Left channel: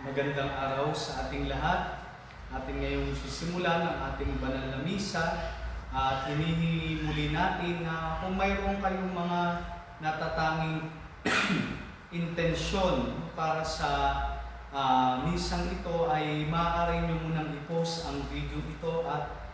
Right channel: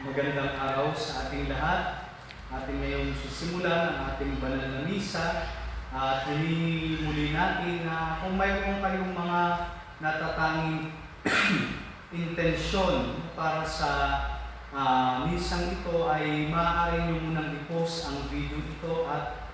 Magandang araw sa ating lahat. Ating ngayong sisimulan ang ating banal na misa at hinihingi muli natin na kung mayroon kayong mga natatanging intensyon para sa misang ito ay maaari nyo munang i-post ang video ito at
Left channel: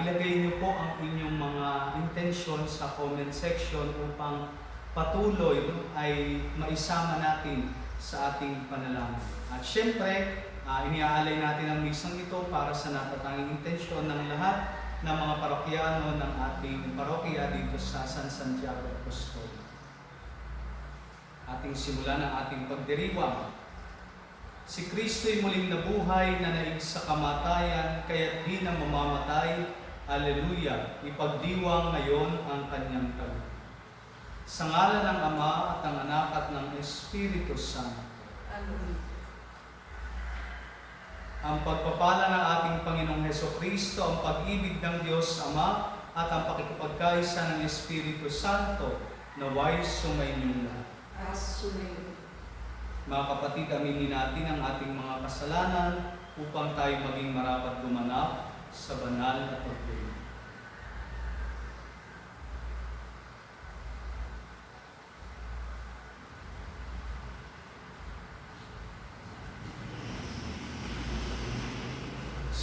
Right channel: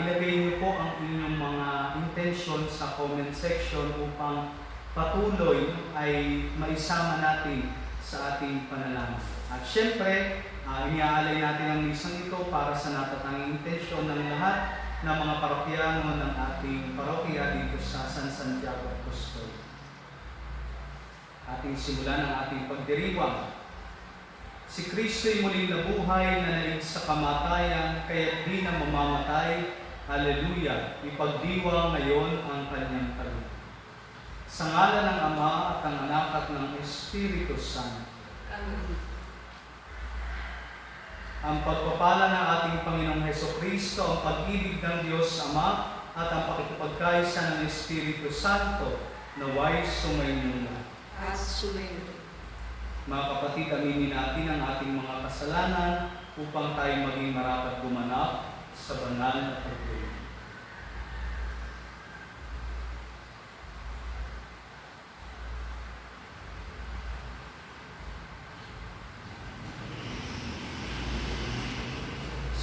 ilagay nyo po ang inyong mga intensyon sa comment section upang patuloy ay maisama natin sa ating panalangin. At syempre, iniaalay natin ang misang ito para sa natatanging intensyon ng lahat ng mga parokyano ng ating parokya dito sa San Santiago Apostol. Ating simulan ang ating pagdiriwang. Si Kristo'y muling nabuhay na naig sa kamatayan, kaya't di na mamamatay. Haleluya! Ipagdiwang ngayon ang kanyang tagumpay. Sa ngalan ng Ama at ng Anak at ng Espiritu Santo. Amen. Ang pagpapala ng ating Panginoong Hesukristo, ang pag-ibig ng Diyos Ama at ang pakikipagkaisa ng Espiritu Santo naway sumainyo lahat. Mga kapatid, aminin natin ang ating mga kasalanan upang tayo maging marapat gumanap sa banal na pagtuloy.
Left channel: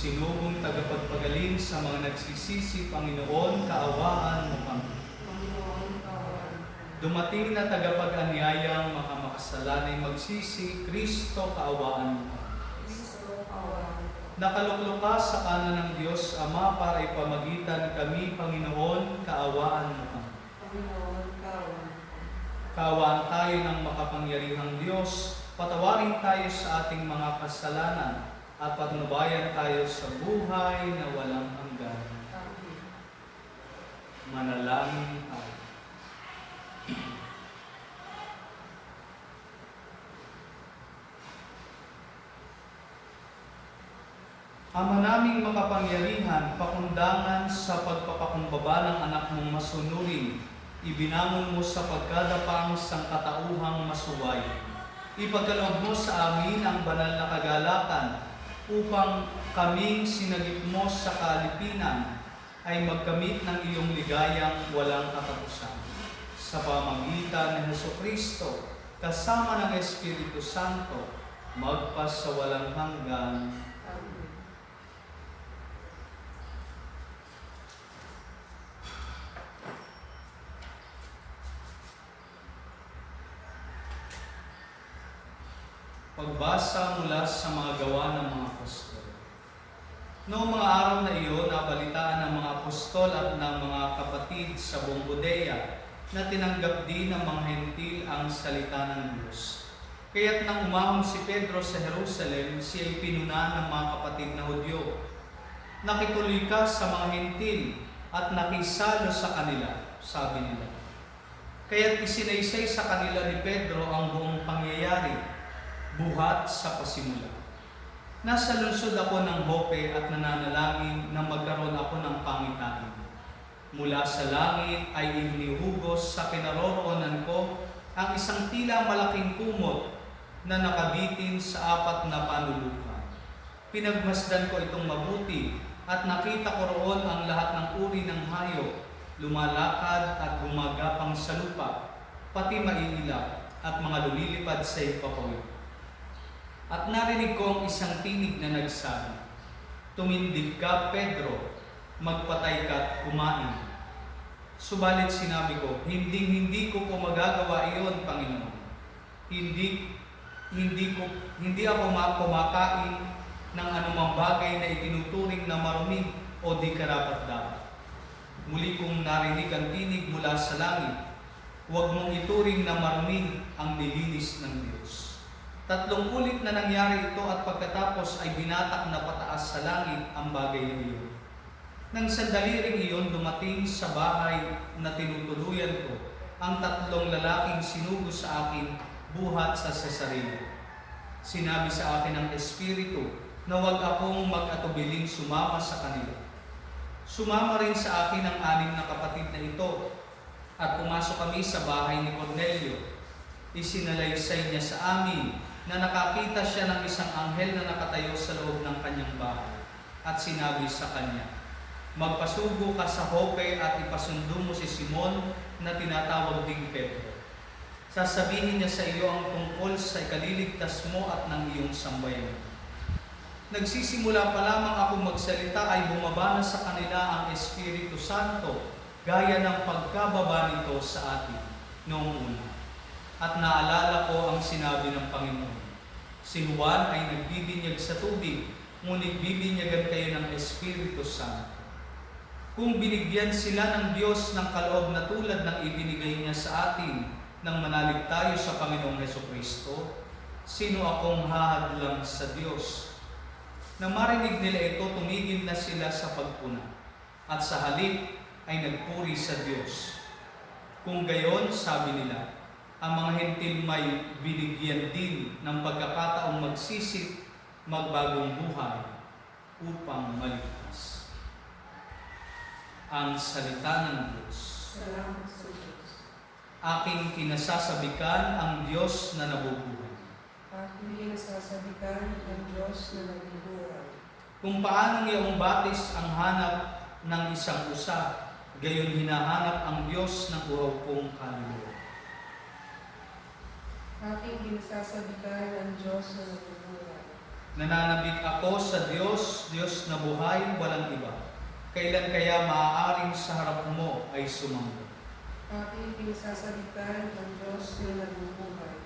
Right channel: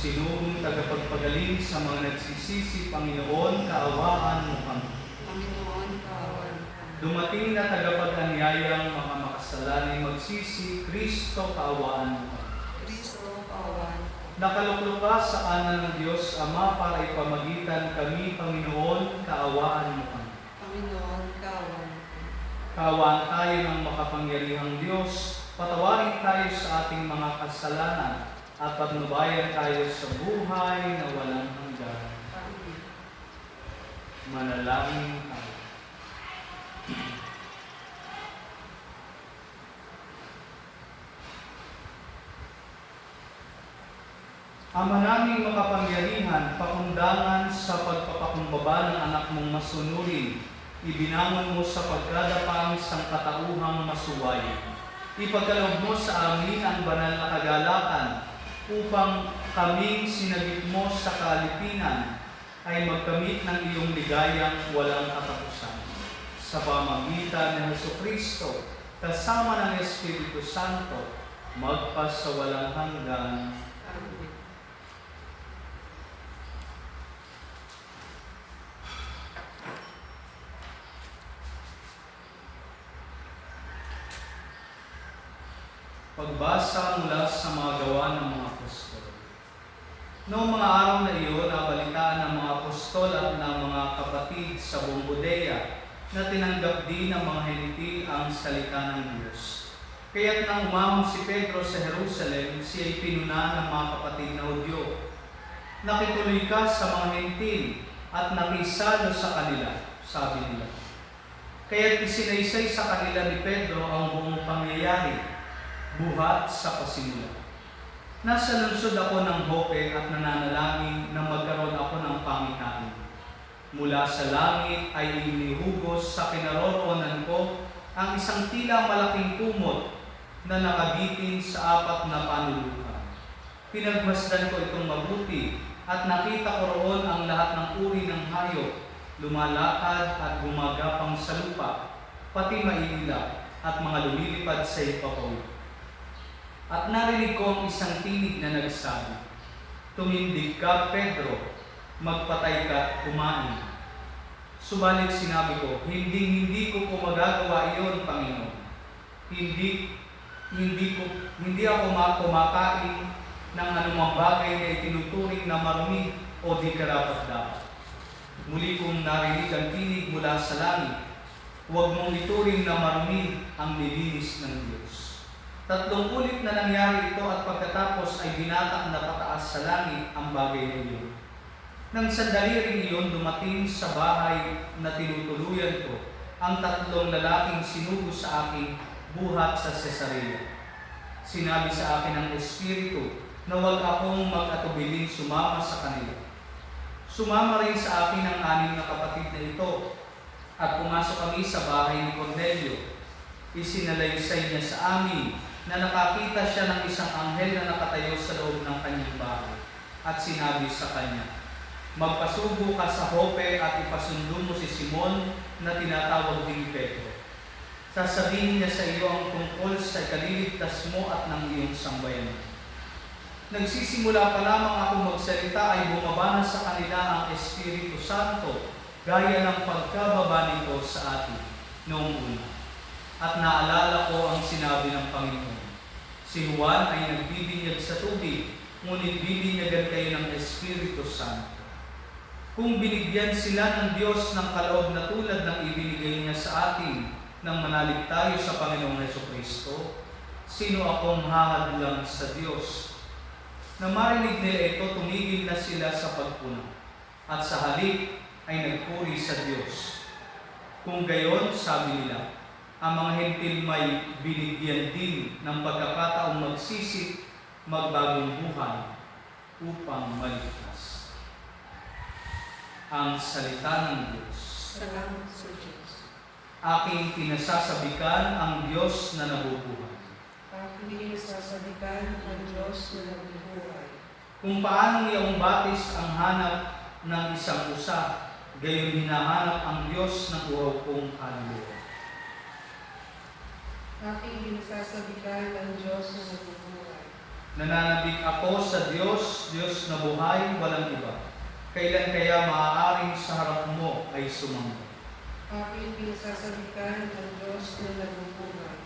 Sinuong tagapagpagaling sa mga nagsisisi, Panginoon, kaawaan mo kami. Panginoon, kaawaan. Dumating na tagapag-anyayang makamakasalanan magsisi, Kristo, kaawaan mo kami. Kristo, kaawaan. Nakaluklok ka sa kanan ng Diyos Ama para ipamagitan kami, Panginoon, kaawaan mo kami. Panginoon, kaawaan. Kaawaan tayo ng makapangyarihang Diyos, patawarin tayo sa ating mga kasalanan, at patnubayan tayo sa buhay na walang hanggan. Manalangin tayo. Ama naming makapangyarihan, pakundangan sa pagpapakumbaba ng anak mong masunurin, ibinangon mo sa pagkadapang sangkatauhang masuway. Ipagkaloob mo sa amin ang banal na kagalakan, upang kaming sinagip mo sa kalipinan ay magkamit ng iyong ligayang walang katapusan. Sa pamagitan ng Hesukristo, kasama ng Espiritu Santo, magpas sa walang hanggan. Amen. Pagbasa mula sa mga gawa ng mga apostol. Noong mga araw na iyon, nabalitaan ng mga apostol at ng mga kapatid sa buong Judea na tinanggap din ng mga hentil ang salita ng Diyos. Kaya't nang umahon si Pedro sa Jerusalem, siya'y pinuna ng mga kapatid na Hudyo. Nakituloy ka sa mga hentil at nakisalo sa kanila, sabi nila. Kaya't isinaysay sa kanila ni Pedro ang buong pangyayari, buhat sa pasimula. Nasa lungsod ako ng Joppe at nananalangin na magkaroon ako ng pangitain. Mula sa langit ay inihugos sa kinaroroonan ko ang isang tila malaking kumot na nakabitin sa 4 na panulukan. Pinagmasdan ko itong mabuti at nakita ko roon ang lahat ng uri ng hayop, lumalakad at gumagapang sa lupa, pati maiilap at mga lumilipad sa ipapaw. At narinig ko ang isang tinig na nagsabi, "Tumindig ka, Pedro, magpatay ka at kumain." Subalit sinabi ko, hindi ko po magagawa iyon, Panginoon. Hindi ako kumakain ng anumang bagay na itinuturing na marumi o di karapat-dapat. Muli kong narinig ang tinig mula sa langit, "Huwag mong ituring na marumi ang nilinis ng Diyos." 3 ulit na nangyari ito at pagkatapos ay binatak na pataas sa langit ang bagay na iyon. Nang sandali ring iyon, dumating sa bahay na tinutuluyan ko ang 3 lalaking sinugo sa akin buhat sa Cesarea. Sinabi sa akin ng Espiritu na huwag akong mag-atubiling sumama sa kanila. Sumama rin sa akin ang 6 na kapatid na ito at pumasok kami sa bahay ni Cornelio. Isinalaysay niya sa amin na nakakita siya ng isang anghel na nakatayo sa loob ng kanyang bahay at sinabi sa kanya, "Magpasubo ka sa Jope at ipasundo mo si Simon na tinatawag ding Pedro. Sasabihin niya sa iyo ang tungkol sa ikaliligtas mo at ng iyong sambayan." Nagsisimula pa lamang ako magsalita ay bumaba na sa kanila ang Espiritu Santo gaya ng pagkababa nito sa atin noong una. At naalala ko ang sinabi ng Panginoon, "Si Juan ay nagbibinyag sa tubig, ngunit bibinyagan kayo ng Espiritu Santo." Kung binigyan sila ng Diyos ng kaloob na tulad ng ibinigay niya sa atin nang manalig tayo sa Panginoong Hesukristo, sino akong hahadlang sa Diyos? Nang marinig nila ito, tumigil na sila sa pagpuna, at sa halip ay nagpuri sa Diyos. Kung gayon, sabi nila, ang mga hentil may binigyan din ng pagkakataong magsisip, magbagong buhay, upang maligtas. Ang salita ng Diyos. Salamat sa Diyos. Aking pinasasabikan ang Diyos na nabubuhay. Aking pinasasabikan ang Diyos na nabubuhay. Kung paano iyong batis ang hanap ng isang usa, gayon hinahanap ang Diyos ng uhaw kong kaluluwa. Aking pinasasabikan ang Diyos na nabubuhay. Nananabik ako sa Diyos, Diyos na buhay, walang iba. Kailan kaya maaaring sa harap mo ay sumamba? Aking pinasasabikan ang Diyos na nabubuhay.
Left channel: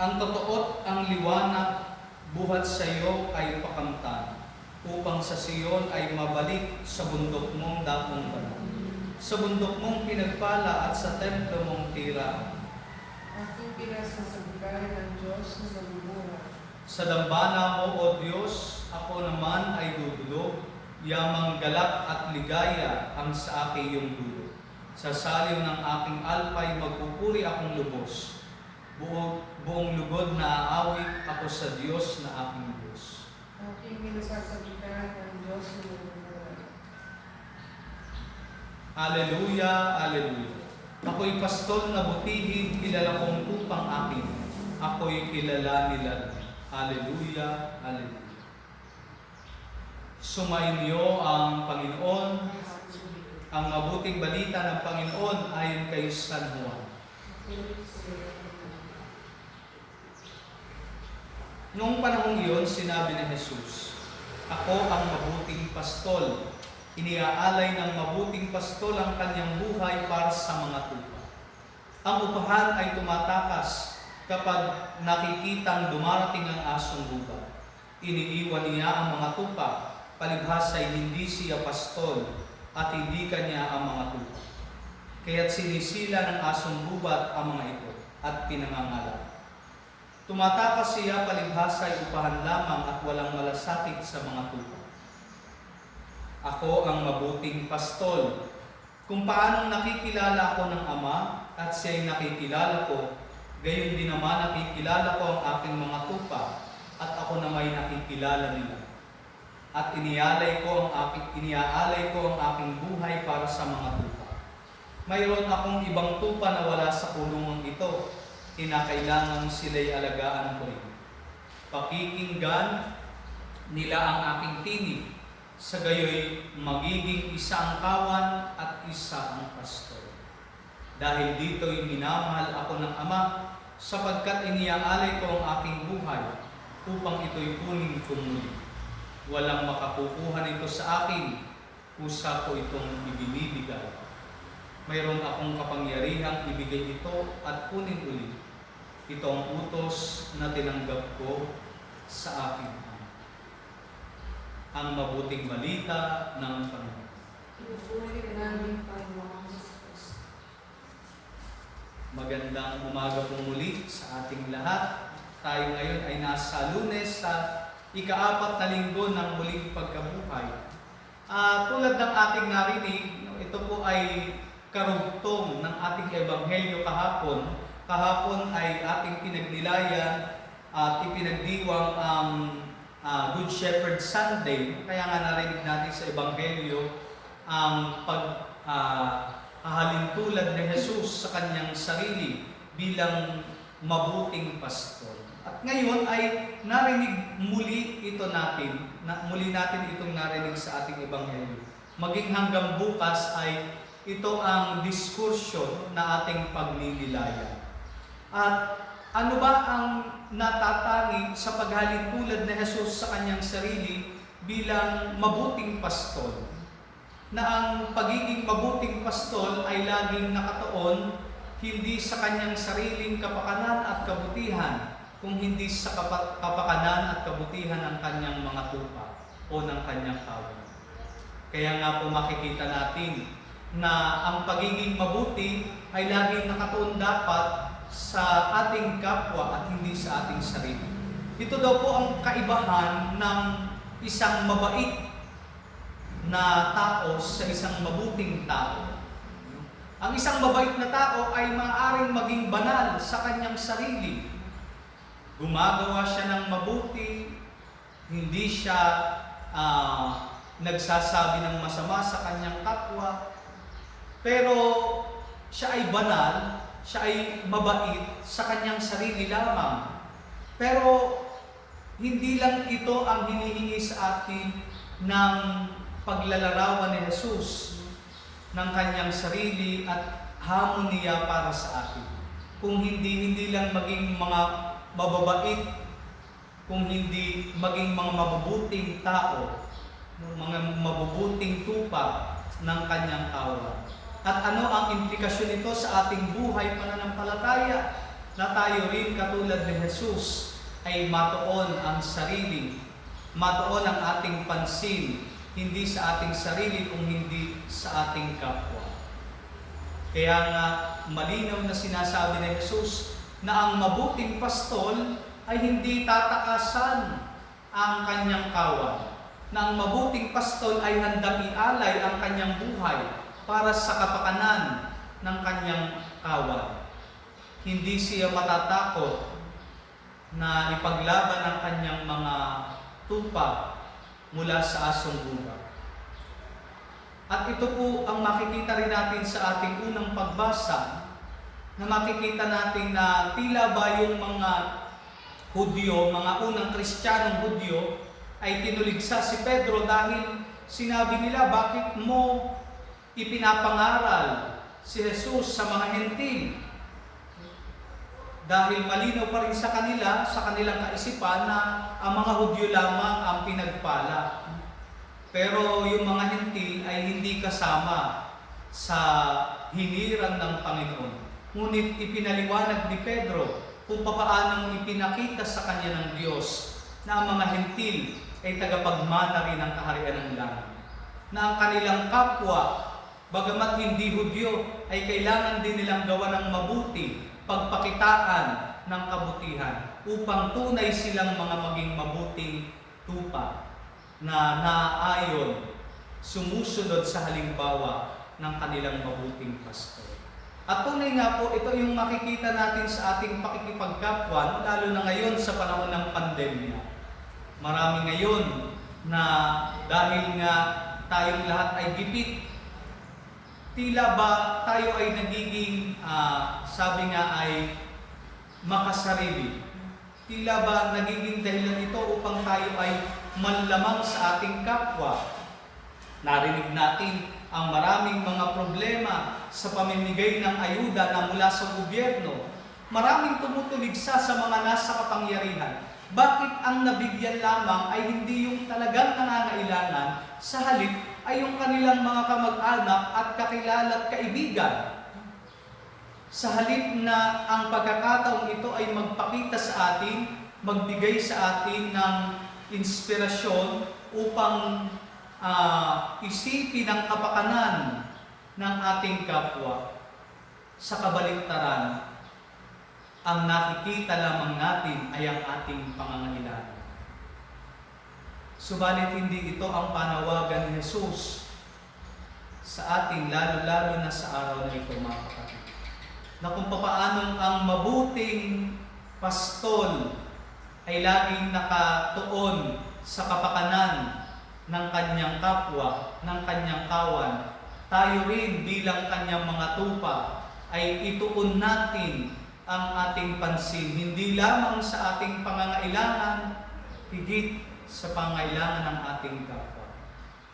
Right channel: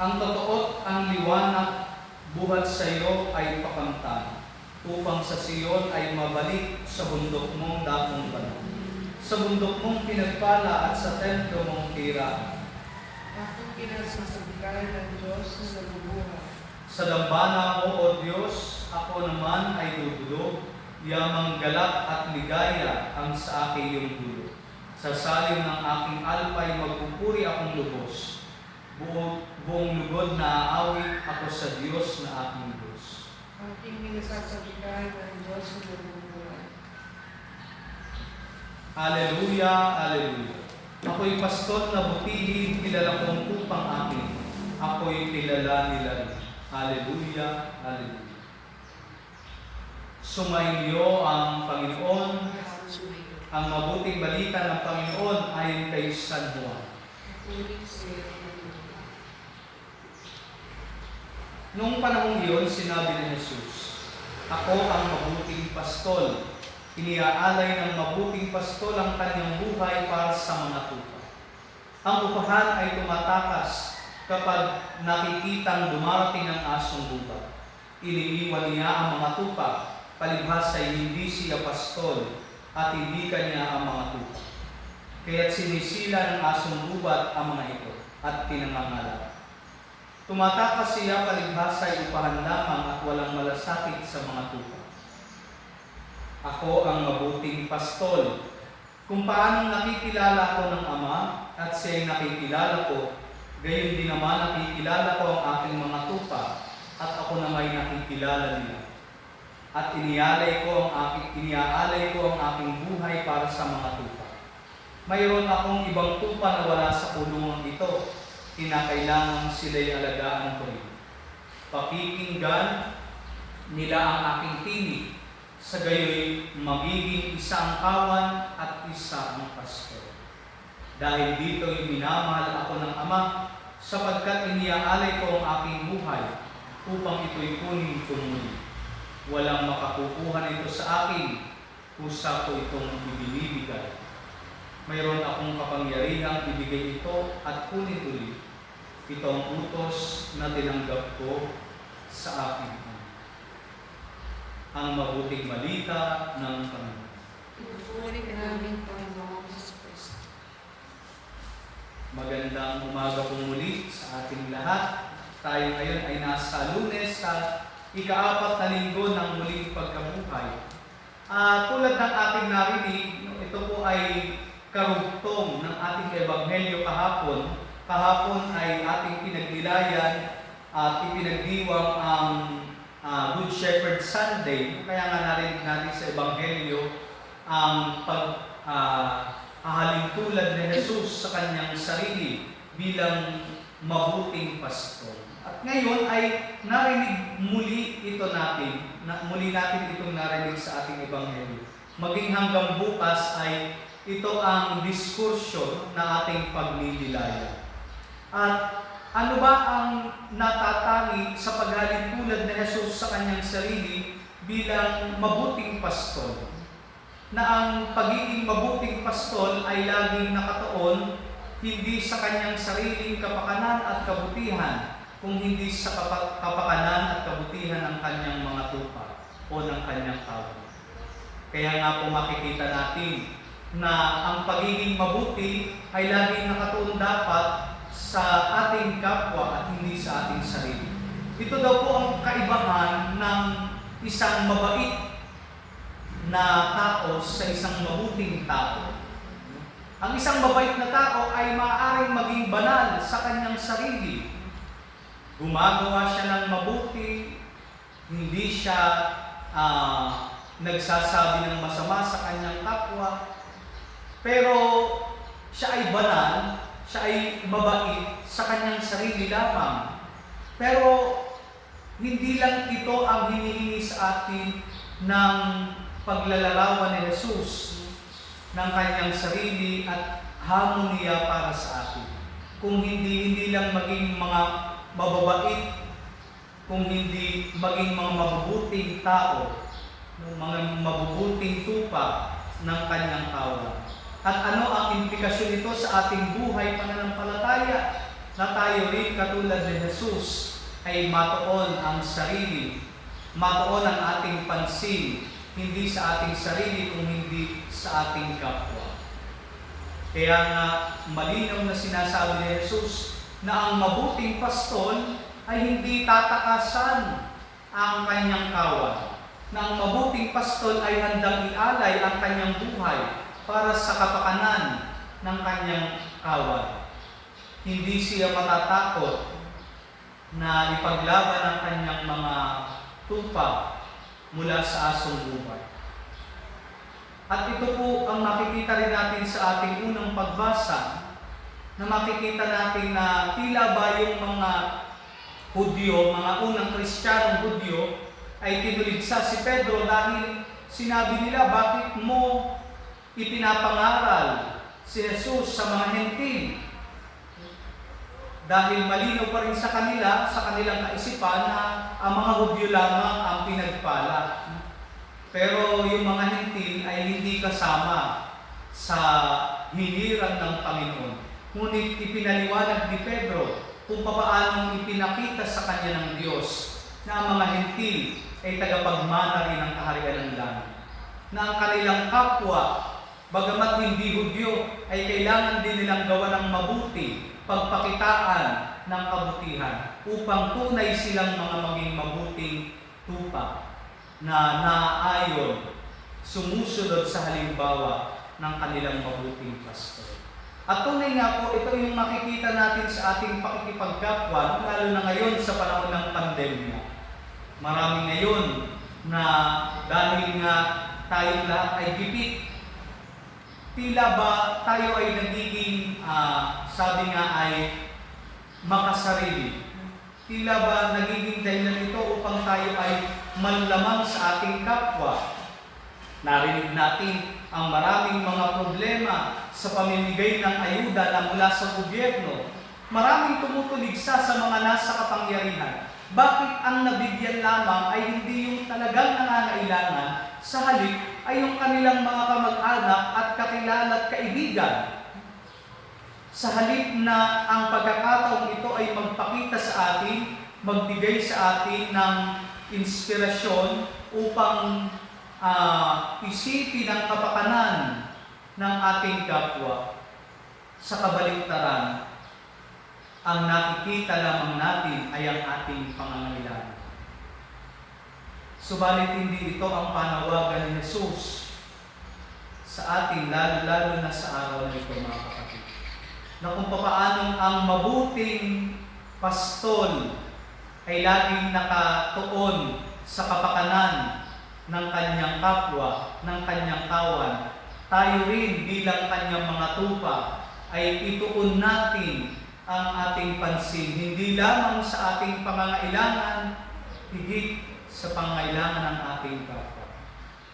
Ang totoo't ang liwanag buhat sa iyo ay pakamtan, upang sa Siyon ay mabalik sa bundok mong dakong banal, sa bundok mong pinagpala at sa templo mong tira. Aking pinasasabikan ang Diyos na nabubuhay. Sa dambana mo, O Diyos, ako naman ay dudulog, yamang galak at ligaya ang sa aking iyong dulo. Sa salim ng aking alpay magpupuri akong lubos. Buong lugod na aawit ako sa Diyos na aking Diyos. Aking pinasasabikan ang Diyos na nabubuhay. Hallelujah, Hallelujah. Ako'y pastor na butihin, kilala kong tupang akin. Ako'y kilala nila rin. Hallelujah, Hallelujah. Sumainyo ang Panginoon, ang mabuting balita ng Panginoon ayon kay San Juan. Noong panahong iyon, sinabi ni Jesus, "Ako ang mabuting pastol. Iniaalay ng mabuting pastol ang kanyang buhay para sa mga tupa. Ang upahan ay tumatakas kapag nakikitang dumarating ang asong gubat. Iniiwan niya ang mga tupa, palibhas ay hindi siya pastol at hindi kanya ang mga tupa. Kaya't sinisila ng asong gubat ang mga ito at pinangangalat. Tumatakas siya palibhas ay upahan lamang at walang malasakit sa mga tupa. Ako ang mabuting pastol. Kung paanong nakikilala ko ng Ama at siya'y nakikilala ko, gayon din naman nakikilala ko ang aking mga tupa at ako na may nakikilala nila. At iniaalay ko ang aking buhay para sa mga tupa. Mayroon akong ibang tupa na wala sa kulungan ito. Kinakailangan sila'y alagaan ko rin. Pakikinggan nila ang aking tinig. Sa gayoy, magiging isa ang kawan at isa ang pastor. Dahil dito'y minamahal ako ng Ama, sapagkat iniaalay ko ang aking buhay, upang ito'y kunin ko muli. Walang makakukuha nito sa akin, kusa ko itong ibinibigay. Mayroon akong kapangyarihang ibigay ito at kunin ulit. Ito ang utos na tinanggap ko sa akin. Ang mabuting balita ng Panginoon. Pinupuri ka namin, Panginoong Kristo. Magandang umaga po muli sa ating lahat. Tayo ngayon ay nasa Lunes sa ika-4 na linggo ng muling pagkabuhay. Tulad ng ating narinig, ito po ay karugtong ng ating ebanghelyo kahapon. Kahapon ay ating pinagnilayan at ipinagdiwang ang Good Shepherd Sunday. Kaya nga narinig natin sa ebanghelyo ang paghahalintulad ni Jesus sa kanyang sarili bilang mabuting pastol. At ngayon ay narinig muli muli natin itong narinig sa ating ebanghelyo. Maging hanggang bukas ay ito ang diskursyo na ating pagnililaya. At ano ba ang natatangi sa paghalin tulad na Jesus sa kanyang sarili bilang mabuting pastol? Na ang pagiging mabuting pastol ay laging nakatuon hindi sa kanyang sariling kapakanan at kabutihan, kung hindi sa kapakanan at kabutihan ng kanyang mga tupa o ng kanyang tao. Kaya nga po makikita natin na ang pagiging mabuti ay laging nakatuon dapat sa ating kapwa at hindi sa ating sarili. Ito daw po ang kaibahan ng isang mabait na tao sa isang mabuting tao. Ang isang mabait na tao ay maaaring maging banal sa kanyang sarili. Gumagawa siya ng mabuti, hindi siya nagsasabi ng masama sa kanyang kapwa, pero siya ay banal, siya ay mabait sa kanyang sarili lamang. Pero hindi lang ito ang hinihingi sa atin ng paglalarawan ni Jesus ng kanyang sarili at hamon niya para sa atin. Kung hindi lang maging mga mababait, kung hindi maging mga mabubuting tao, mga mabubuting tupa ng kanyang kawan. At ano ang implikasyon nito sa ating buhay pananampalataya? Na tayo rin katulad ni Jesus ay matuon ang sarili, matuon ang ating pansin, hindi sa ating sarili kung hindi sa ating kapwa. Kaya nga malinaw na sinasabi ni Jesus na ang mabuting pastol ay hindi tatakasan ang kanyang kawan. Na ang mabuting pastol ay handang ialay ang kanyang buhay para sa kapakanan ng kanyang kawan. Hindi siya matatakot na ipaglaban ang kanyang mga tupa mula sa asong buhay. At ito po ang makikita rin natin sa ating unang pagbasa, na makikita natin na tila ba yung mga Hudyo, mga unang Kristiyanong Hudyo, ay tinuligsa si Pedro dahil sinabi nila, bakit mo ipinapangaral si Jesus sa mga Hentil? Dahil malinaw pa rin sa kanilang kaisipan na ang mga Hudyo lamang ang pinagpala. Pero yung mga Hentil ay hindi kasama sa hinirang ng Panginoon. Ngunit ipinaliwanag ni Pedro kung paano ipinakita sa kanya ng Diyos na ang mga Hentil ay tagapagmana rin ng kaharian ng langit. Na ang kanilang kapwa, bagamat hindi Hudyo, ay kailangan din nilang gawa ng mabuti, pagpakitaan ng kabutihan upang tunay silang mga maging mabuting tupa na naayon, sumusunod sa halimbawa ng kanilang mabuting pastor. At tunay nga po, ito yung makikita natin sa ating pakikipagkapwa, lalo na ngayon sa panahon ng pandemya. Marami ngayon na dahil nga tayong lahat ay gipit, tila ba tayo ay nagiging, sabi nga ay makasarili. Tila ba nagiging dahilan ito upang tayo ay manlamang sa ating kapwa. Narinig natin ang maraming mga problema sa pamimigay ng ayuda na mula sa gobyerno. Maraming tumutuligsa sa mga nasa kapangyarihan. Bakit ang nabigyan lamang ay hindi yung talagang nangangailangan, sa halip ay yung kanilang mga kamag-anak at kakilala at kaibigan? Sa halip na ang pagkakataong ito ay magpakita sa atin, magbigay sa atin ng inspirasyon upang isipin ang kapakanan ng ating kapwa. Sa kabaligtaran, ang nakikita lamang natin ay ang ating pangangailangan. Subalit hindi ito ang panawagan ni Jesus sa atin, lalo-lalo na sa araw na ito, mga kapatid. Na kung papaanong ang mabuting pastol ay laging nakatuon sa kapakanan ng kanyang kapwa, ng kanyang kawan, tayo rin bilang kanyang mga tupa ay ituon natin ang ating pansin, hindi lamang sa ating pangangailangan, higit sa pangangailangan ng ating kapwa.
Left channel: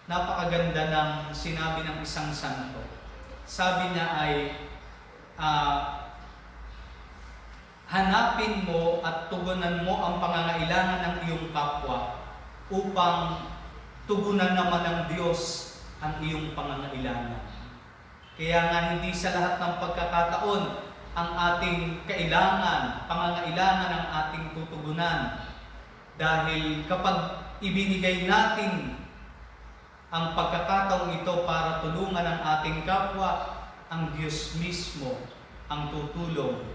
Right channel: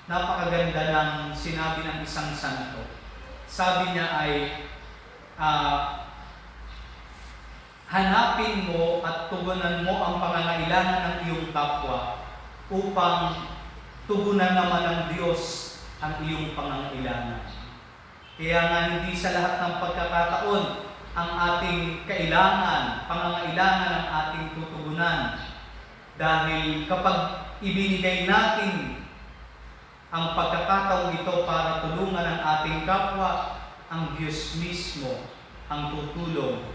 Napakaganda ng sinabi ng isang santo. Sabi niya ay, hanapin mo at tugunan mo ang pangangailangan ng iyong kapwa upang tugunan naman ng Diyos ang iyong pangangailangan. Kaya nga hindi sa lahat ng pagkakataon ang ating pangangailangan ng ating tutugunan. Dahil kapag ibinigay natin ang pagkakataong ito para tulungan ang ating kapwa, ang Diyos mismo ang tutulong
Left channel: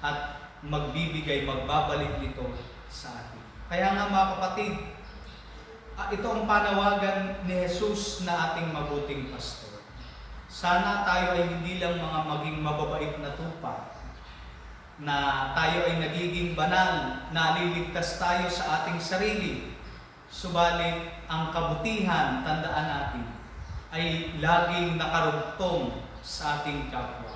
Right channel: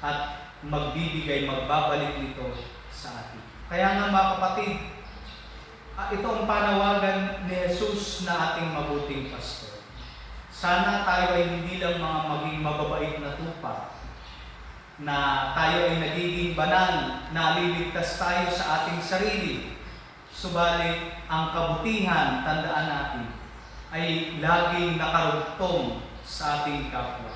at magbabalik nito sa atin. Kaya nga mga kapatid, ito ang panawagan ni Jesus na ating mabuting pastor. Sana tayo ay hindi lang mga maging mababait na tupa, na tayo ay nagiging banal, naliligtas tayo sa ating sarili. Subalit, ang kabutihan, tandaan natin, ay laging nakarugtong sa ating kapwa.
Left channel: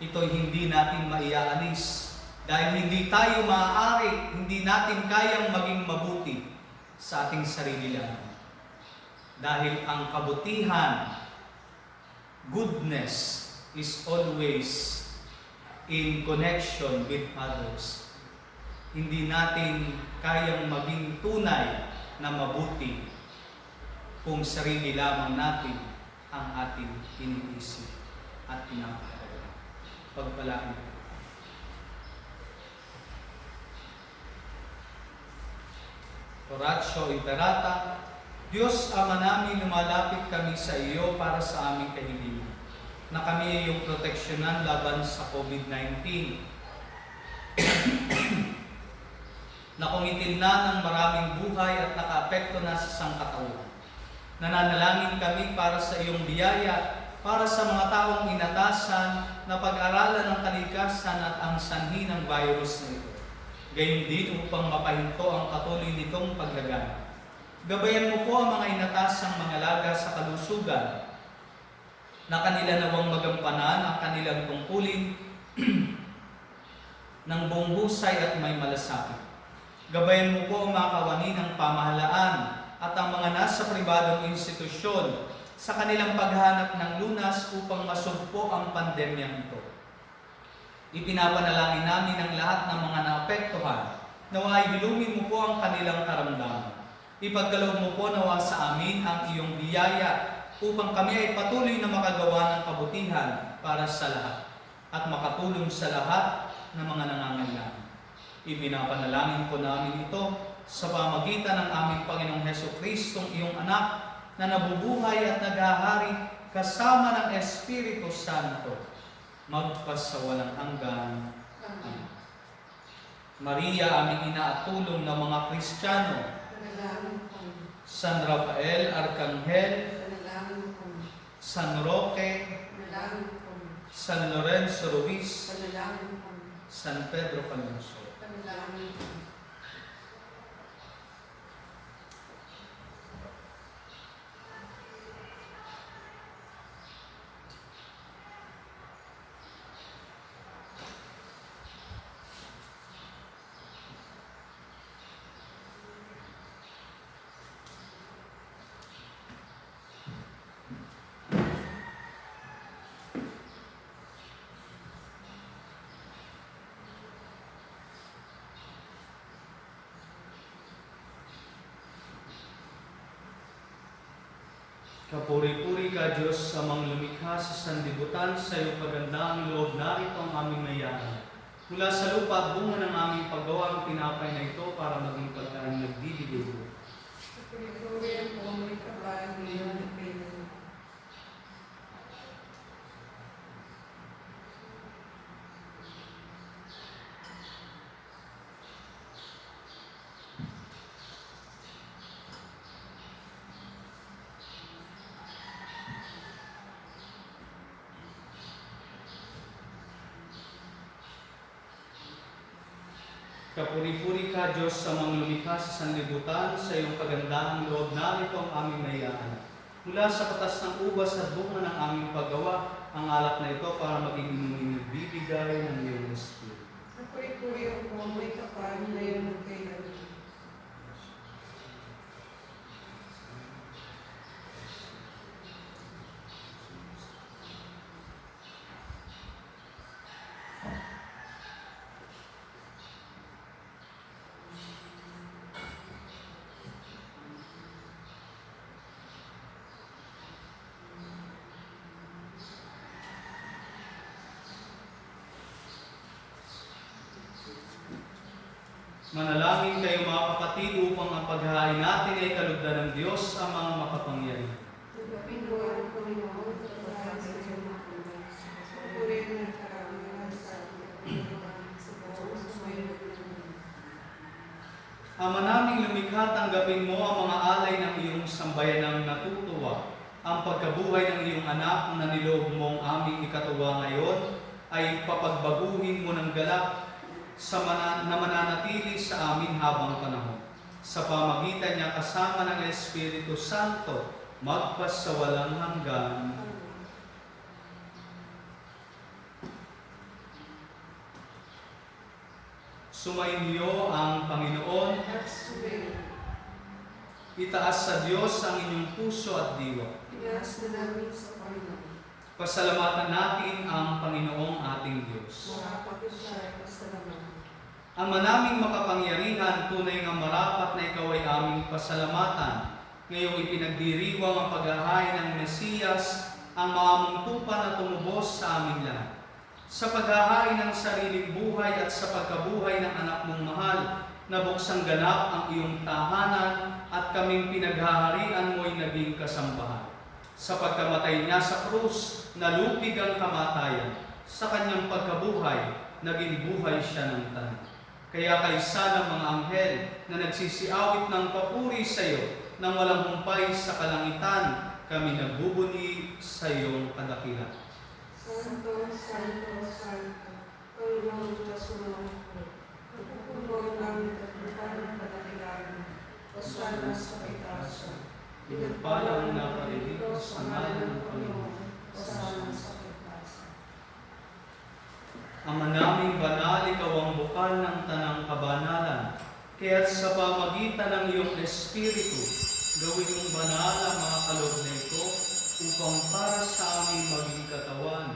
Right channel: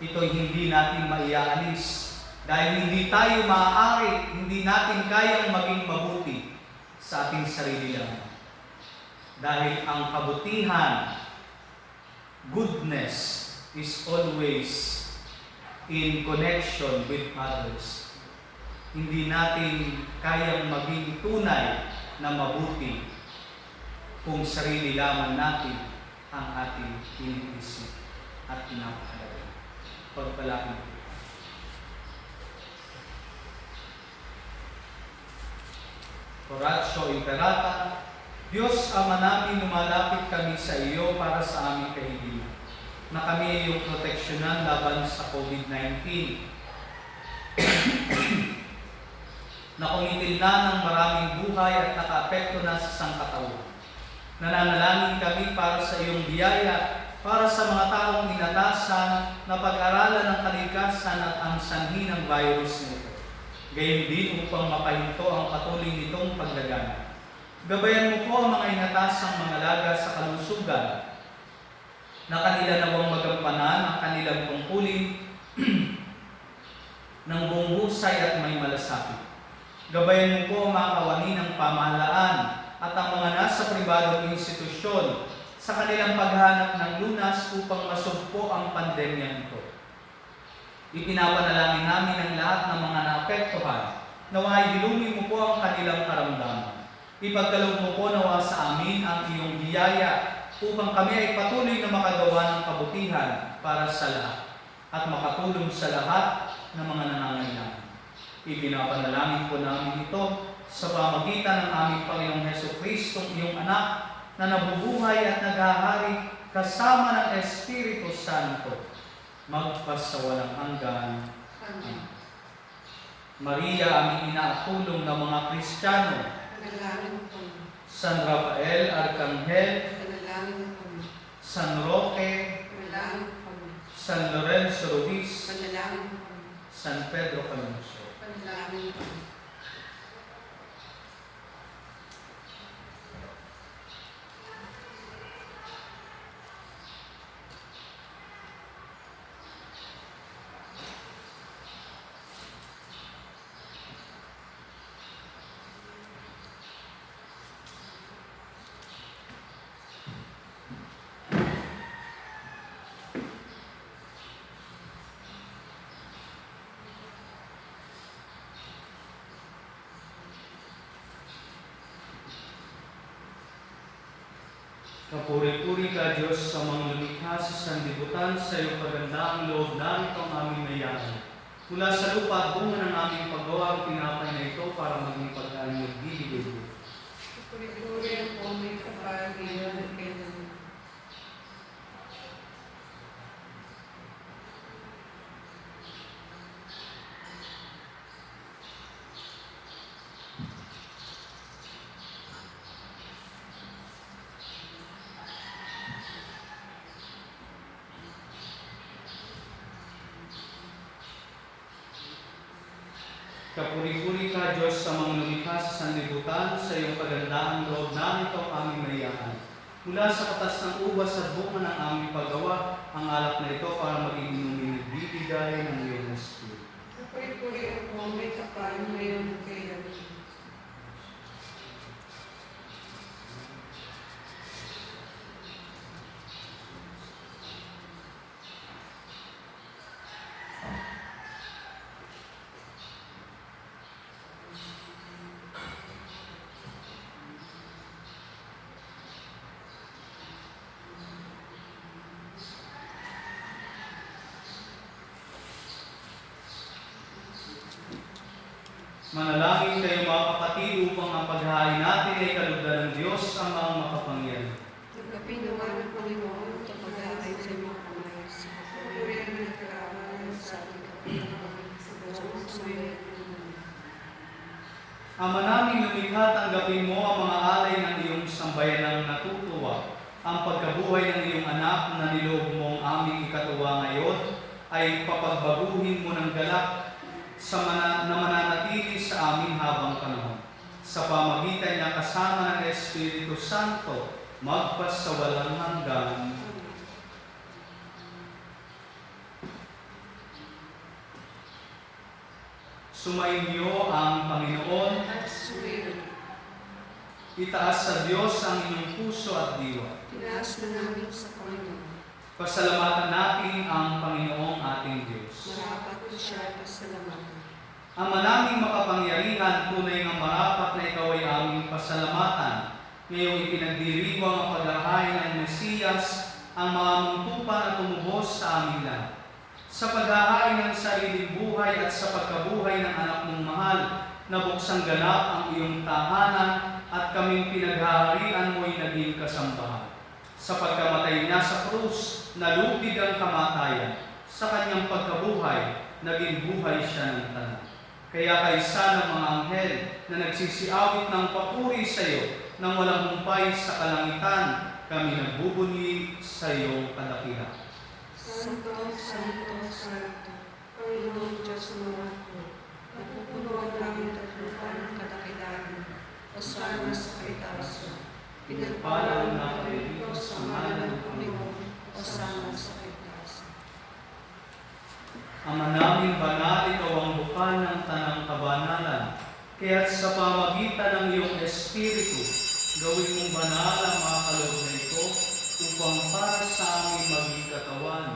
Ito'y hindi natin maiaalis dahil hindi tayo maaari, hindi natin kayang maging mabuti sa ating sarili lang. Dahil ang kabutihan, goodness, is always in connection with others. Hindi natin kayang maging tunay na mabuti kung sarili lamang natin ang ating iniisip at pinapahalaga. Pagpalain. Oratio Imperata. Diyos Ama namin, lumalapit kami sa iyo para sa aming kahilingan, na kami ay iyong proteksyonan laban sa COVID-19 na kumitil na ng maraming buhay at nakaapekto na sa sangkatauhan. Nananalangin kami para sa iyong biyaya, para sa mga taong inatasan na pag-aralan ng kalikasan at ang sanhi ng virus nito. Gayon din upang mapahinto ang patuloy nitong paglaganap. Gabayan mo po ang mga inatasang mga laga sa kalusugan, na kanila nawang magampanan ang kanilang tungkulin ng buong husay at may malasakit. Gabayan mo po ang mga kawani ng pamahalaan at ang mga nasa pribadong institusyon sa kanilang paghanap ng lunas upang masugpo ang pandemya nito. Ipinapanalangin namin ang lahat ng mga naapektuhan. Naway hilungin mo po ang kanilang karamdaman. Ipagkaloob mo po nawa sa amin ang iyong biyaya upang kami ay patuloy na makagawa ng kabutihan para sa lahat at makatulong sa lahat ng mga nangangailangan. Ipinapanalangin po namin ito sa pamagitan ng aming Panginoong Hesukristo, iyong anak, na nabubuhay at naghahari kasama ng Espiritu Santo, magpasawalang hanggan. Amen. Maria, aming ina at tulong ng mga Kristiyano, San Rafael, Arkanghel, San Roque, San Lorenzo Ruiz, San Pedro Calungsod. Kapuri-puri ka, Diyos, sa mga lumikha sa sanlibutan, sa iyong kagandaang loob na ito ang aming nayahan. Mula sa lupa at bunga ng aming paggawa ang tinapay na ito para maging pagkain nagbibigay mo. Kapuri-puri ang may kapal ngayon at kailan. Kapuri-puri ka, Diyos, sa mga lumikha sa sanlibutan, sa iyong kagandaang loob na ito ang aming nayahan. Mula sa katas ng ubas at bunga ng aming paggawa, ang alak na ito para maging inuming nagbibigay ng iyong Espiritu. Puri-puri ako ang may kapal ngayon at kailanman. Manalangin kayo mga kapatid upang ang paghahain natin ay kalugdan ng Diyos ang mga makapangyarihan. Nagkapin naman ang Panginoon at pagkakalay sa mga kamay. Purihan ng karaman sa ating Panginoon sa Diyos sa ngayon at kailanman. Ama naming lumikha, tanggapin mo ang mga alay ng iyong sambayanang natutuwa. Ang pagkabuhay ng iyong anak na niloob mong aming ikatuwa ngayon ay papagbaguhin mo ng galak na mananatili sa amin habang panahon. Sa pamagitan niya kasama ng Espiritu Santo, magpasawalang hanggan. Sumainyo ang Panginoon. At sumayon. Itaas sa Diyos ang inyong puso at diwa. Tinaas na namin sa Panginoon. Pasalamatan natin ang Panginoong ating Diyos. Marapat ko siya at pasalamatan. Ama naming makapangyarihan, tunay nga marapat na ikaw ay aming pasalamatan. Ngayong ipinagdiriwang ang paghahain ng Mesiyas, ang mga muntupan na tumubos sa aming lahat. Sa paghahain ng sariling buhay at sa pagkabuhay ng anak mong mahal, na buksang ganap ang iyong tahanan at kaming pinaghaharian mo'y naging kasambahan. Sa pagkamatay niya sa krus, nalupig ang kamatayan. Sa kanyang pagkabuhay, naging buhay siya ng tanan. Kaya kaysa ng mga anghel na nagsisiawit ng papuri sa iyo nang walang humpay sa kalangitan, kami nagbubunyi sa iyong kadakilan. Santo, Santo, Santo, Panginoon Diyos umawat. Napupuno ang langit at lupa ng kadakilaan. Osana sa kaitaasan. Pinagpalang na palilito sa ngalan ng Panginoon. Osana sa kaitaasan. Ama naming banal, ikaw ang bukal ng tanang kabanalan. Kaya't sa pamagitan ng iyong Espiritu, gawin mong banal ang mga kaloob na ito upang para sa aming maging katawan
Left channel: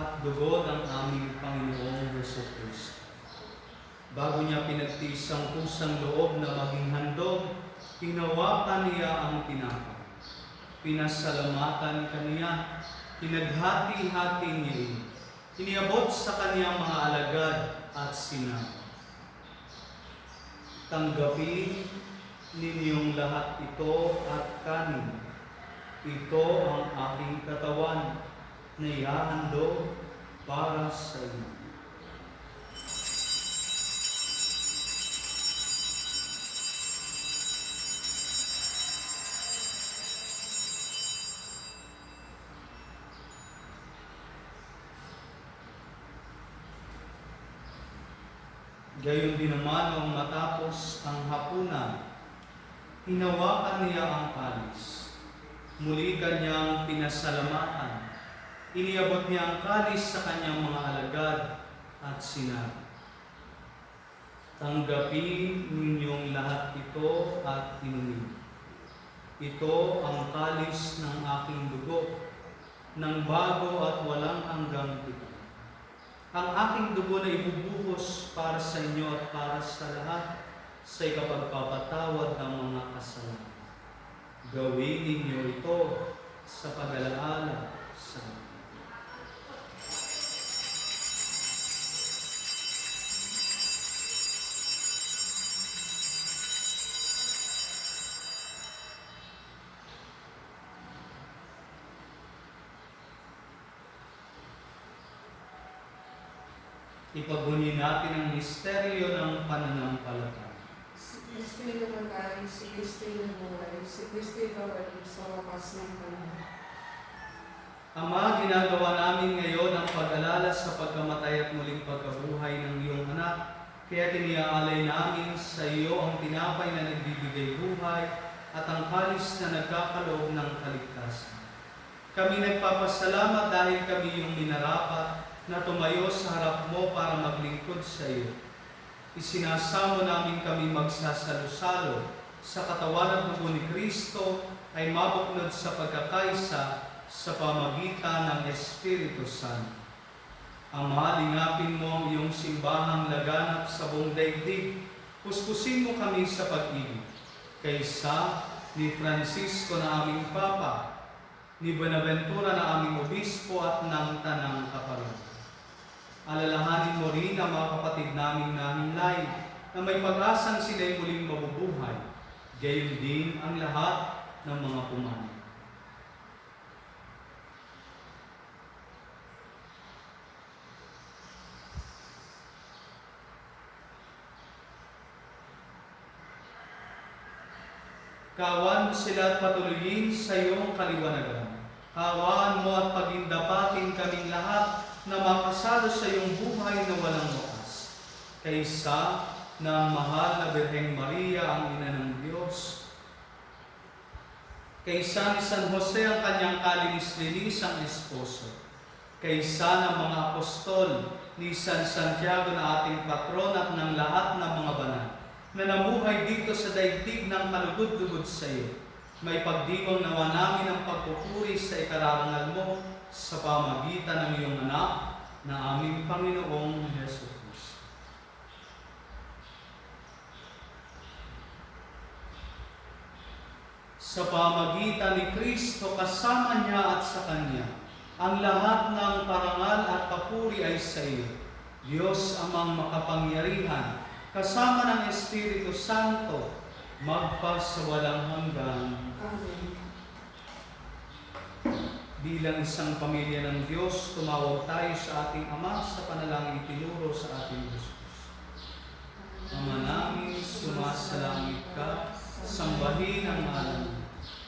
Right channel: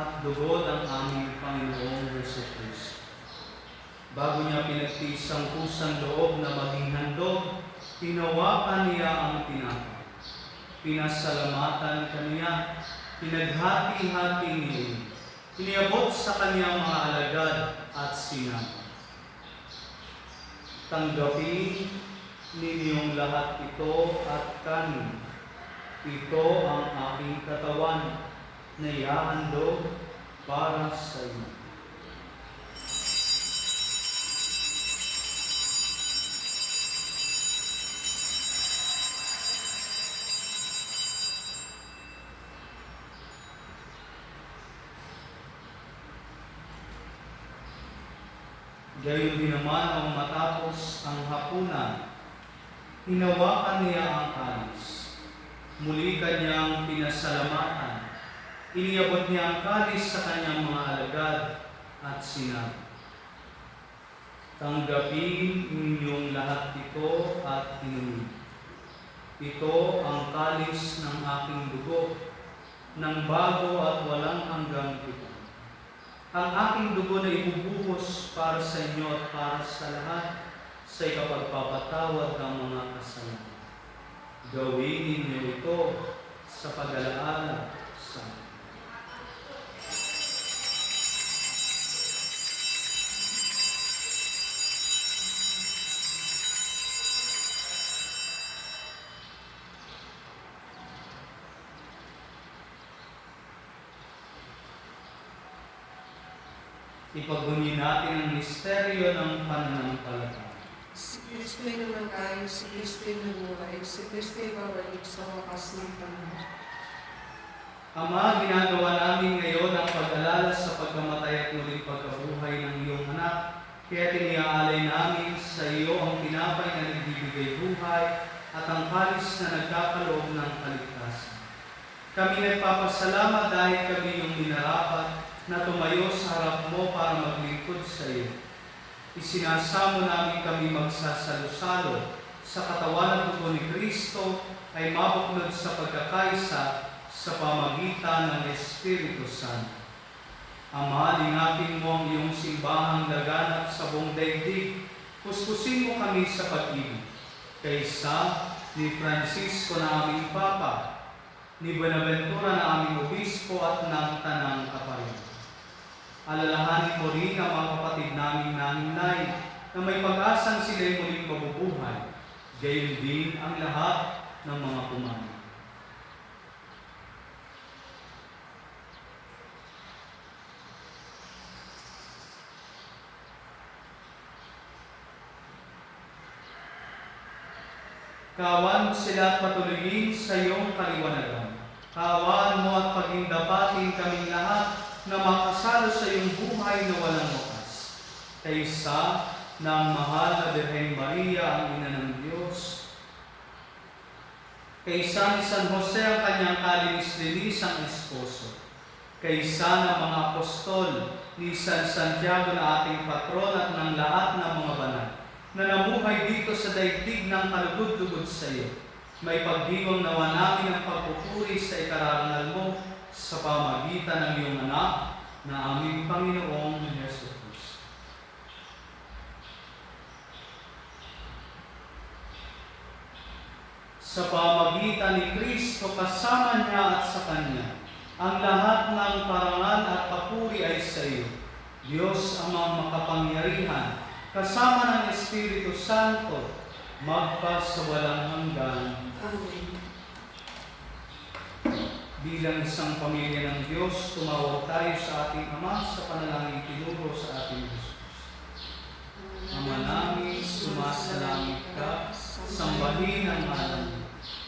at lugod ang aming Panginoong Jesucristo. Bago niya pinagtiis ang kusang loob na maging handog, hinawakan niya ang tinapay. Pinasalamatan kaniya, pinaghati-hati niya. Iniabot sa kanyang mga alagad at sinabi, tanggapin ninyong lahat ito at kanin. Ito ang aking katawan na ihahandog para sa inyo. Gayon din naman nung matapos ang hapunan, hinawakan niya ang kalis. Muli kanyang pinasalamatan. Iniabot niya ang kalis sa kanyang mga alagad at sinabi, tanggapin ninyong lahat ito at inumin. Ito ang kalis ng aking dugo, ng bago at walang hanggang tipan. Ang aking dugo na ibubuhos para sa inyo at para sa lahat sa ikapagpapatawad ng mga kasalanan. Gawin ninyo ito sa pag-alaala sa akin. Ipagbunyi natin ang misteryo ng pananampalataya. Si Kristo'y namatay, si Kristo'y nabuhay, si Kristo'y babalik sa wakas ng panahon. Ama, ginagawa namin ngayon ang pag-alala sa pagkamatay at muling pagkabuhay ng iyong anak. Kaya tiniaalay namin sa iyo ang tinapay na nagbibigay buhay at ang kalis na nagkakaloob ng kaligtasan. Kami nagpapasalamat dahil kami yung minarapat na tumayo sa harap mo para maglingkod sa iyo. Isinasamo namin kami magsasalo-salo sa katawan at dugo ni Kristo ay mabuklod sa pagkakaisa sa pamagitan ng Espiritu Santo. Ama, lingapin mo ang iyong simbahang laganap sa buong daigdig. Puspusin mo kami sa pag-ibig. Kaysa ni Francisco na aming Papa, ni Buenaventura na aming Obispo at ng Tanang Kaparian. Alalahanin mo rin ang mga kapatid naming nanginay na may pag-asang sila'y muling mabubuhay. Gayon din ang lahat ng mga pumanaw. Kawan mo sila at patuloyin sa iyong kaliwanagan. Kawan mo at pagindapatin kaming lahat na makasalo sa iyong buhay na walang wakas. Kaysa ng mahal na Birheng Maria, ang Ina ng Diyos. Kaysa ni San Jose ang kanyang kalinis-linis ang esposo. Kaysa ng mga apostol ni San Santiago na ating patron at ng lahat ng mga banal na namuhay dito sa daigdig ng kalugod-lugod sa iyo. May pagdibong nawa namin ang pagpupuri sa ikararangal mo sa pamagitan ng iyong anak na aming Panginoong Hesus Kristo. Sa pamagitan ni Kristo, kasama niya at sa Kanya, ang lahat ng parangal at papuri ay sa iyo, Diyos amang makapangyarihan, kasama ng Espiritu Santo, magpas sa walang hanggan. Amen. Bilang isang pamilya ng Diyos, tumawag tayo sa ating Ama sa panalangin tinuro sa ating Jesus. Ama namin, sumasalangit ka, sambahin ang ngalan mo.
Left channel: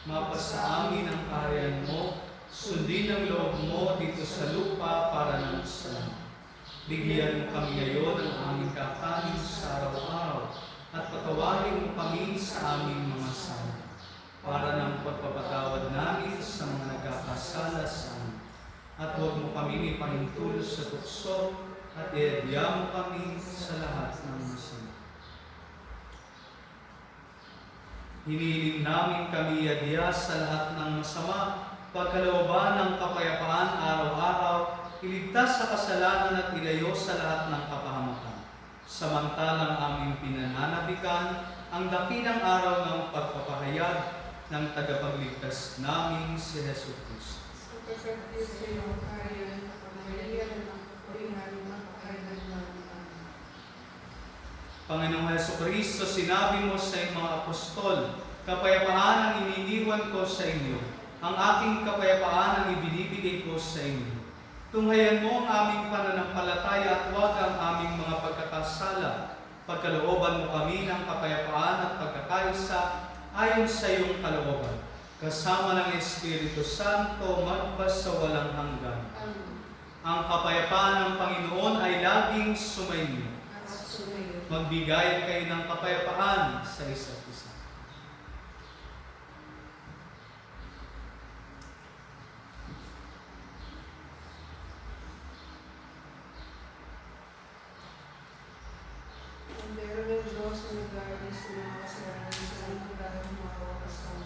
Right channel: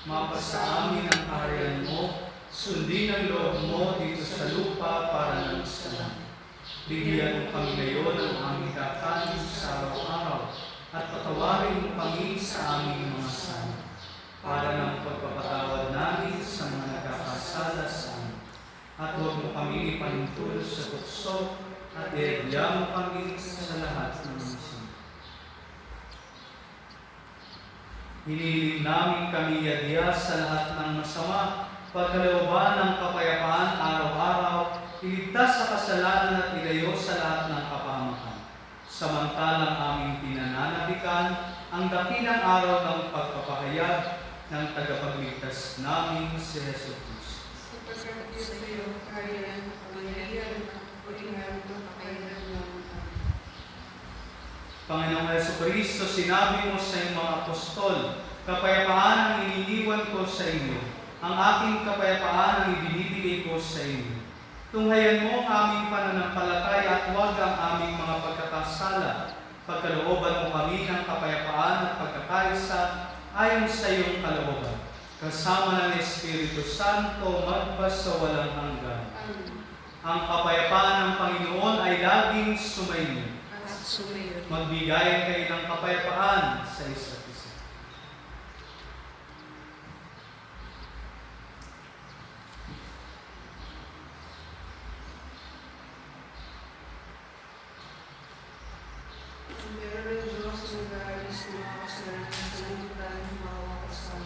Mapasa amin ang kaharian mo, sundin ang loob mo dito sa lupa para ng sa langit. Bigyan mo kami ngayon ng aming kakanin sa araw-araw at patawarin mo kami sa aming mga sala para ng pagpapatawad namin sa mga nagkakasala sa amin. At huwag mo kami ipanintulot sa tukso at iadya mo kami sa lahat ng masama. Hinihiling namin kami iadya sa lahat ng masama, pagkalooban ng kapayapaan araw-araw, iligtas sa kasalanan at ilayo sa lahat ng kapahamakan. Samantalang aming pinananabikan ang dakilang araw ng pagpapahayag ng tagapagligtas namin si Hesus Kristo. Sapagkat sa iyo, kaharian, kapangyarihan, at kapurihan, magpakailanman. Panginoong Hesus Kristo, sinabi mo sa iyong mga apostol, kapayapaan ang iniiwan ko sa inyo, ang aking kapayapaan ang ibinibigay ko sa inyo. Tunghayan mo ang aming pananampalataya at huwag ang aming mga pagkakasala. Pagkalooban mo kami ng kapayapaan at pagkakaisa ayon sa iyong kalooban. Kasama ng Espiritu Santo, magpas sa walang hanggan. Amen. Ang kapayapaan ng Panginoon ay laging sumainyo. At sumayo. Magbigayan kayo ng kapayapaan sa isa't isa. Ang meron ng Diyos na nag-aalis ng mga kasalanan sa liputan ng mga wakasan.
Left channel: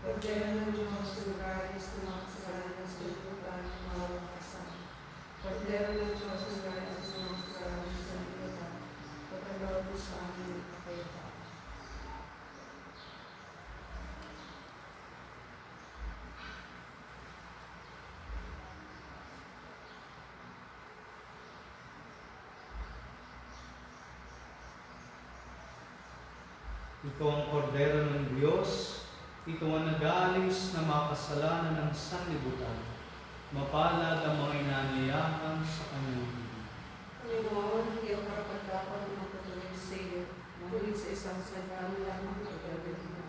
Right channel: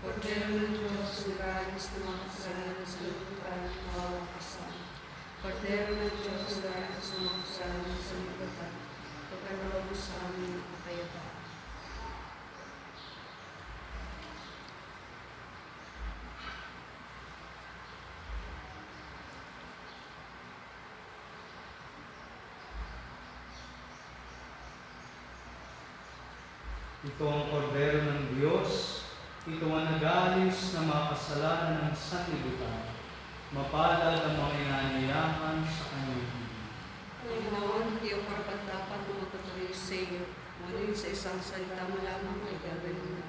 Kordero ng Diyos na nag-aalis ng mga kasalanan sa liputan ng mga wakasan. Kordero ng Diyos na nag-aalis ng mga kasalanan sa liputan. Pagkaloob sa amin ang kapayapaan. Ito ang kordero ng Diyos, ito ang nag-aalis na mga kasalanan ng sanlibutan. Mapalad ang mga inanyayahan sa kanyang higit. Panginoon, hindi ako karapat-dapat na magpatuloy sa iyo. Ngunit sa isang salita mo lamang ay gagawin mo.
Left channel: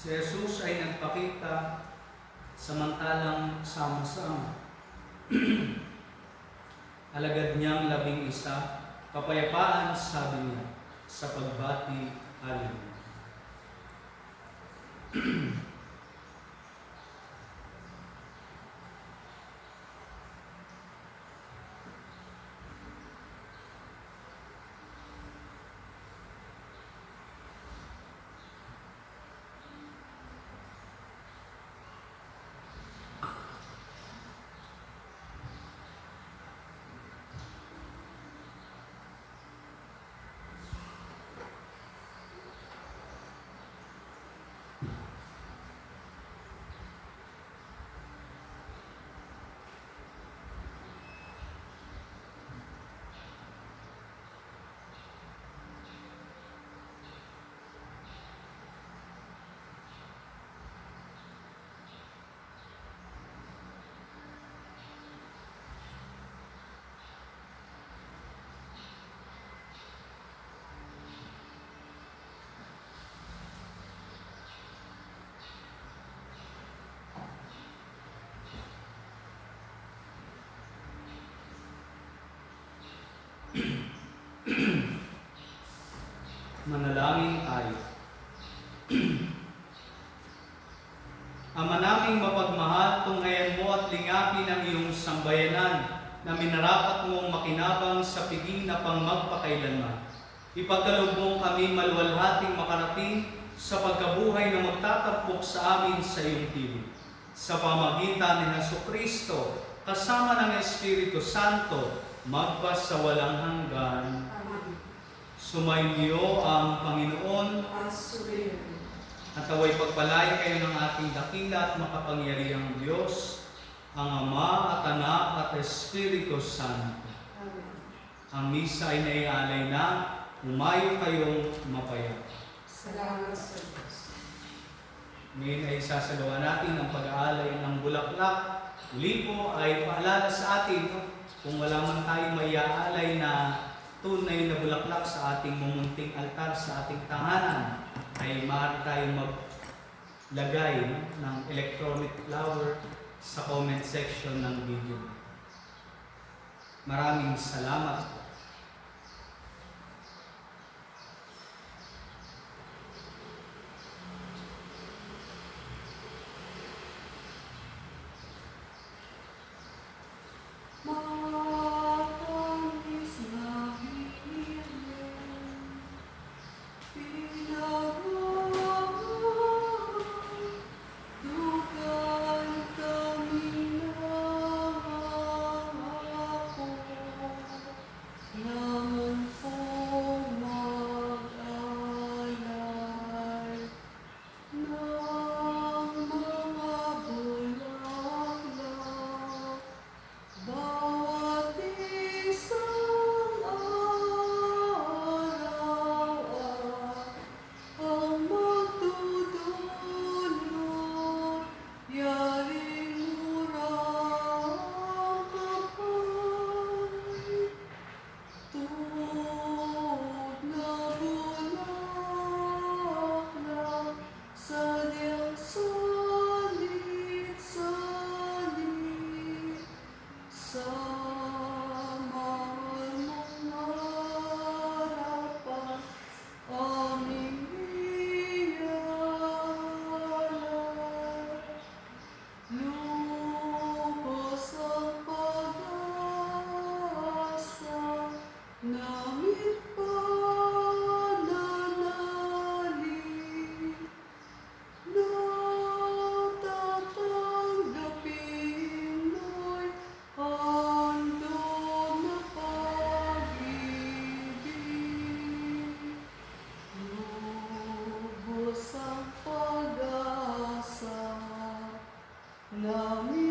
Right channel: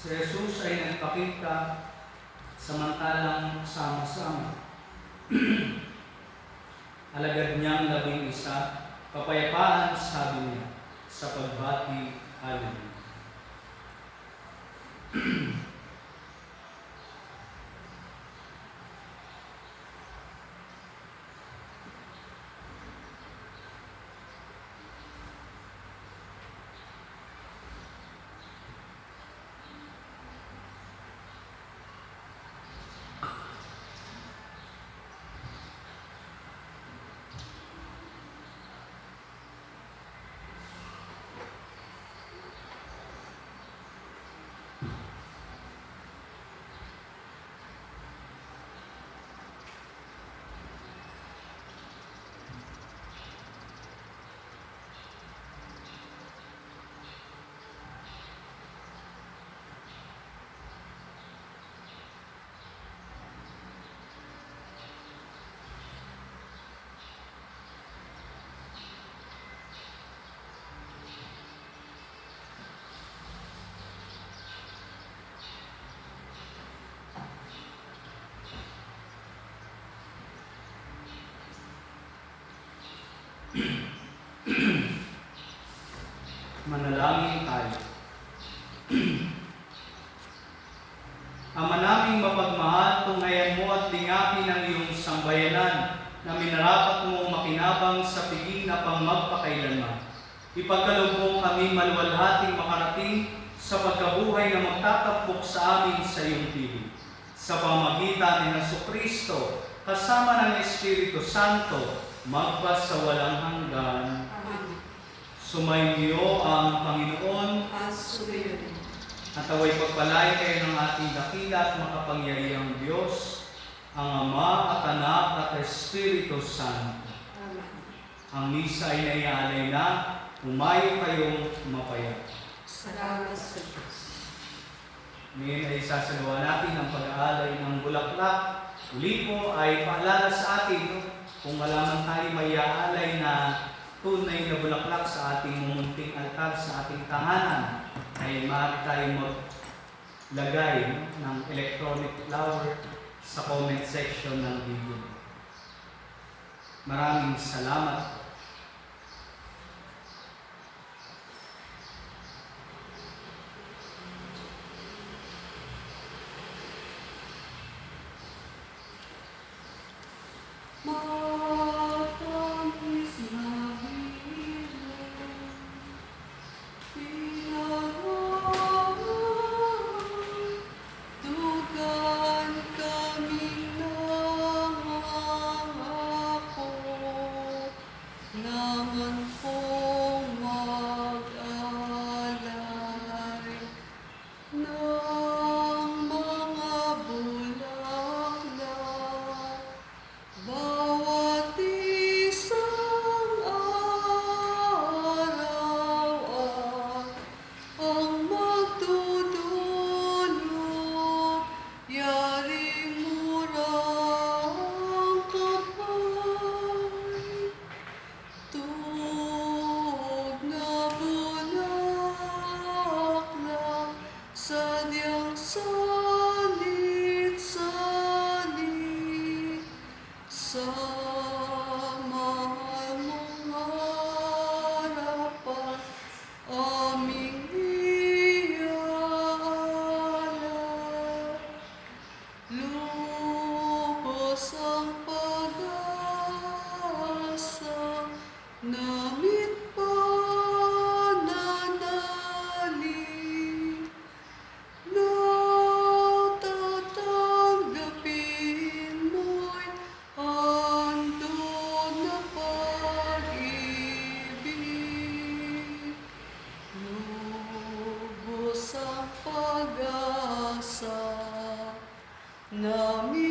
Si Jesus ay nagpakita samantalang sama-sama. Alagad niyang 11, kapayapaan, sabi niya, sa pagbati, Hallelujah. Manalangin tayo. Ama naming mapagmahal, tunghayan mo at lingapin ang iyong sambayanan na minarapat mong makinabang sa piging na pangmagpakailanman. Ipagkaloob mo kami maluwalhating makarating sa pagkabuhay na magtatapok sa amin sa iyong piling. Sa pamagitan ni Jesucristo, kasama ng Espiritu Santo, magpa sa walang hanggan. Amen. Sumainyo ang Panginoon At sumayon. at away pagpalain kayo ng ating dakila at makapangyarihang Diyos, ang Ama at Anak at Espiritu Santo. Amen. Ang misa ay naialay na, umayo kayong mapayat. Salamat sa Diyos. Ngayon ay isasagawa natin ang pag-aalay ng bulaklak. Uli po ay paalala sa atin, no? Kung wala man tayo may aalay na tunay na bulaklak sa ating mumunting altar sa ating tahanan, ay maaari tayong maglagay, no, ng electronic flower sa comment section ng video. Maraming salamat. Matamis na himon, pinagawa, dugan kami ng ako, naman pong mag-alay ng mga bulaklak. Bawat isang araw ang magdudulot, yaring murang kapay, tunog na bulaklak, sadyang salit-salit. Sa mahal mong harapan, aming ialay. Lubos ang pag-asa, namit pananalig, natatanggapin mo'y handog na pag-ibig. Lubos ang pag-asa, namin